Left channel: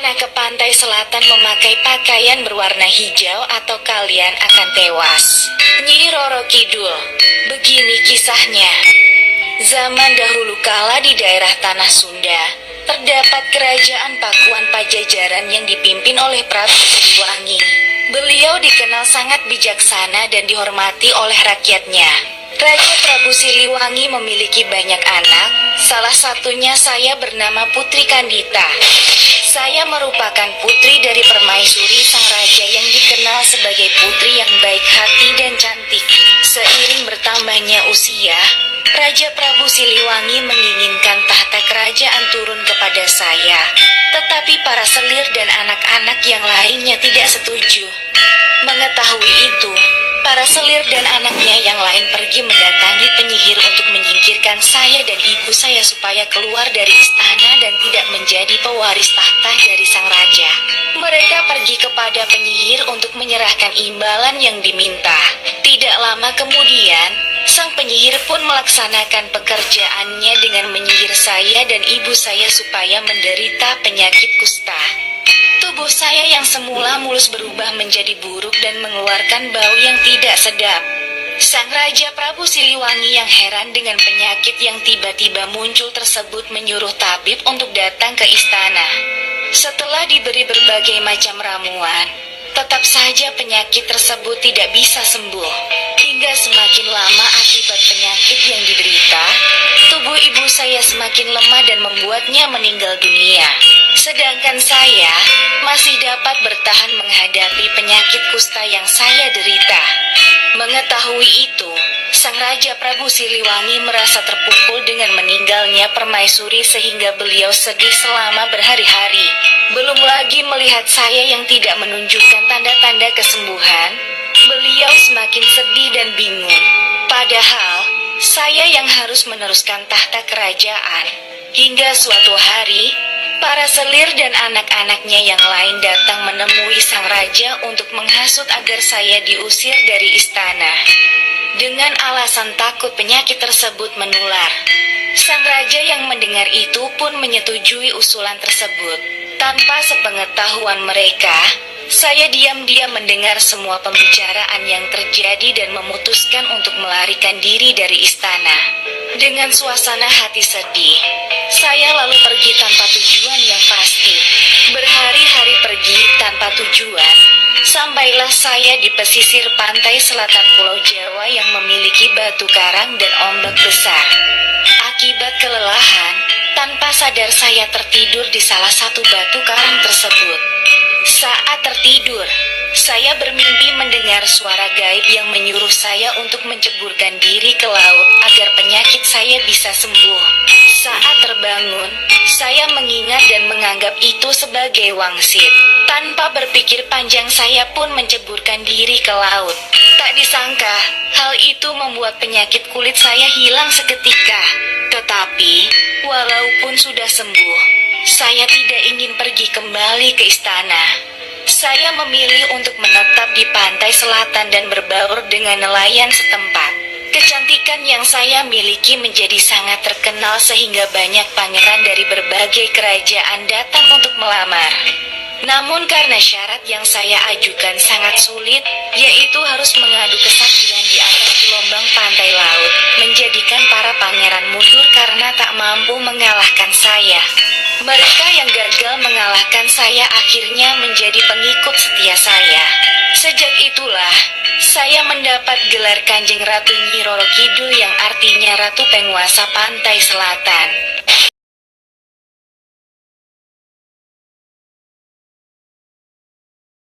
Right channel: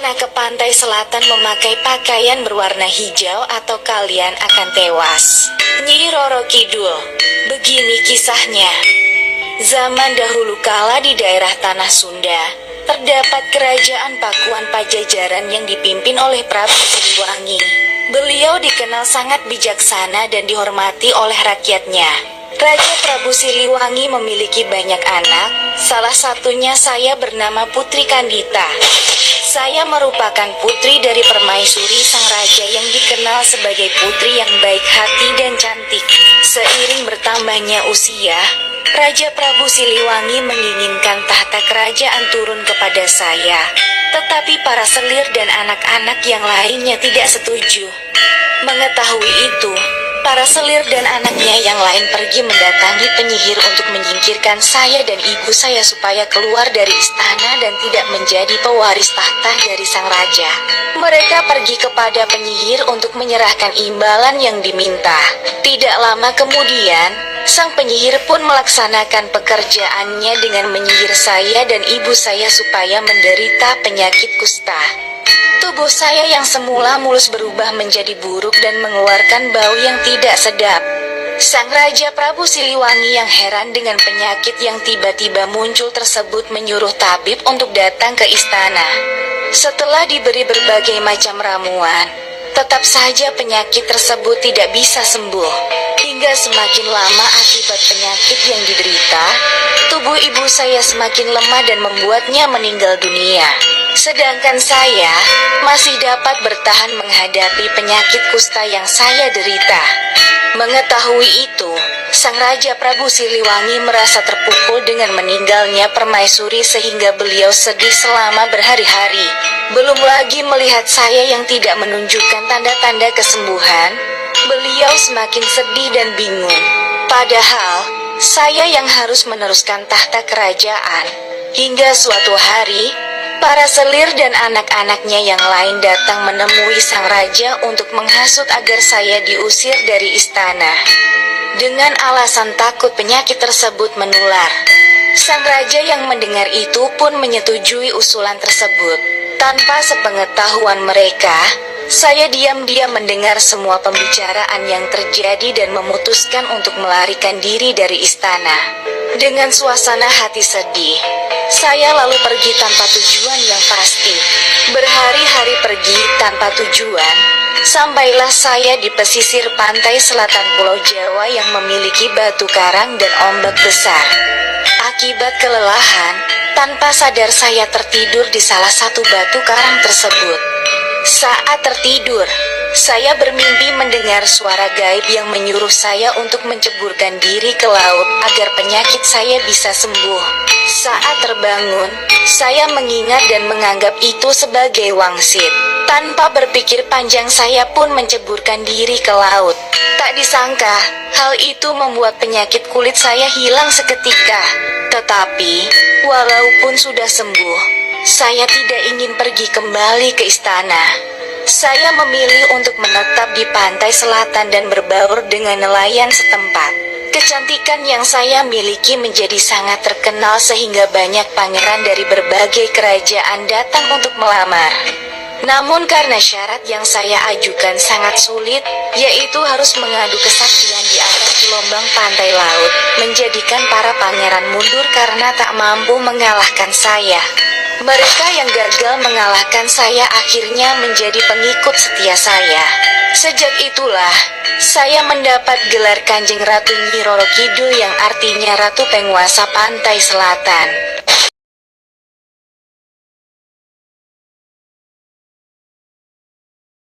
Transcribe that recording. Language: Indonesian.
pernah ke pantai selatan memakai pakaian berwarna hijau atau kalian akan tewas. Nyi Roro Kidul. Begini kisahnya. Zaman dahulu kala di daerah Tanah Sunda, terdapat kerajaan Pakuan Pajajaran yang dipimpin oleh Prabu Siliwangi. Beliau dikenal sangat bijaksana dan dihormati oleh rakyatnya. Raja Prabu Siliwangi memiliki banyak anak, salah satunya saya bernama Putri Kandita. Saya merupakan putri dari permaisuri sang raja yang dikenal sebagai putri yang baik hati dan cantik. Seiring bertambahnya usia, Raja Prabu Siliwangi menginginkan tahta kerajaan turun kepada saya. Tetapi para selir dan anak-anak yang lainnya tidak setuju. Mengetahui itu, para selir dan anaknya yang lain pergi mendatangi penyihir untuk menyingkirkan saya dan ibu saya supaya keluar dari istana dan tidak menjadi pewaris tahta dari sang raja. Mereka pergi kepada penyihir untuk menyerahkan imbalan yang diminta. Tidak lama kemudian, sang penyihir pun melaksanakan pekerjaannya dengan menyihir saya dan ibu saya supaya menderita penyakit kusta. Tubuh saya yang semula mulus berubah menjadi buruk dan mengeluarkan bau yang tidak sedap. Sang Raja Prabu Siliwangi yang heran dengan penyakit yang tiba-tiba muncul tersebut menyuruh tabib untuk datang ke istana. Setelah diberi berbagai macam ramuan, tetap saja penyakit tersebut tidak bisa sembuh. Hingga semakin lama akibat penyakit yang diderita, tubuh ibu saya semakin lemah dan membuatnya meninggal dunia. Sedangkan saya masih dapat bertahan menghadapi penyakit kusta yang saya derita. Mengetahui itu, sang Raja Prabu Siliwangi merasa terpukul dengan meninggalnya permaisuri sehingga beliau sedih selama berhari-hari. Belum lagi melihat saya yang tidak menunjukkan tanda-tanda kesembuhan, beliau semakin sedih dan bingung. Padahal, saya yang harus meneruskan tahta kerajaan. Hingga suatu hari, para selir dan anak-anaknya yang lain datang menemui sang raja untuk menghasut agar saya diusir dari istana. Dengan alasan takut penyakit tersebut menular. Sang raja yang mendengar itu pun menyetujui usulan tersebut. Tanpa sepengetahuan mereka, saya diam-diam mendengar semua pembicaraan yang terjadi dan memutuskan untuk melarikan diri dari istana. Dengan suasana hati sedih, saya lalu pergi tanpa tujuan yang pasti. Berhari-hari pergi tanpa tujuan, sampailah saya di pesisir pantai selatan Pulau Jawa yang memiliki batu karang dan ombak besar. Akibat kelelahan, tanpa sadar saya tertidur di salah satu batu karang tersebut. Saat tertidur, saya bermimpi mendengar suara gaib yang menyuruh saya untuk menceburkan diri ke laut agar penyakit saya bisa sembuh. Saat terbangun, saya mengingat dan menganggap itu sebagai wangsit. Tanpa berpikir panjang saya pun menceburkan diri ke laut. Tak disangka, hal itu membuat penyakit kulit saya hilang seketika. Tetapi, walaupun sudah sembuh, saya tidak ingin pergi kembali ke istana. Saya memilih untuk menetap di pantai selatan dan berbaur dengan nelayan setempat. Kecantikan yang saya miliki menjadi sangat terkenal sehingga banyak pangeran dari berbagai kerajaan datang untuk melamar. Namun karena syarat yang saya ajukan sangat sulit, yaitu harus mengadu kesaktian di atas gelombang pantai laut, menjadikan para pangeran mundur karena tak mampu mengalahkan saya. Mereka yang gagal mengalahkan saya akhirnya menjadi pengikut setia saya. Sejak itulah, saya mendapat gelar Kanjeng Ratu Nyi Roro Kidul yang artinya Ratu Penguasa Pantai Selatan.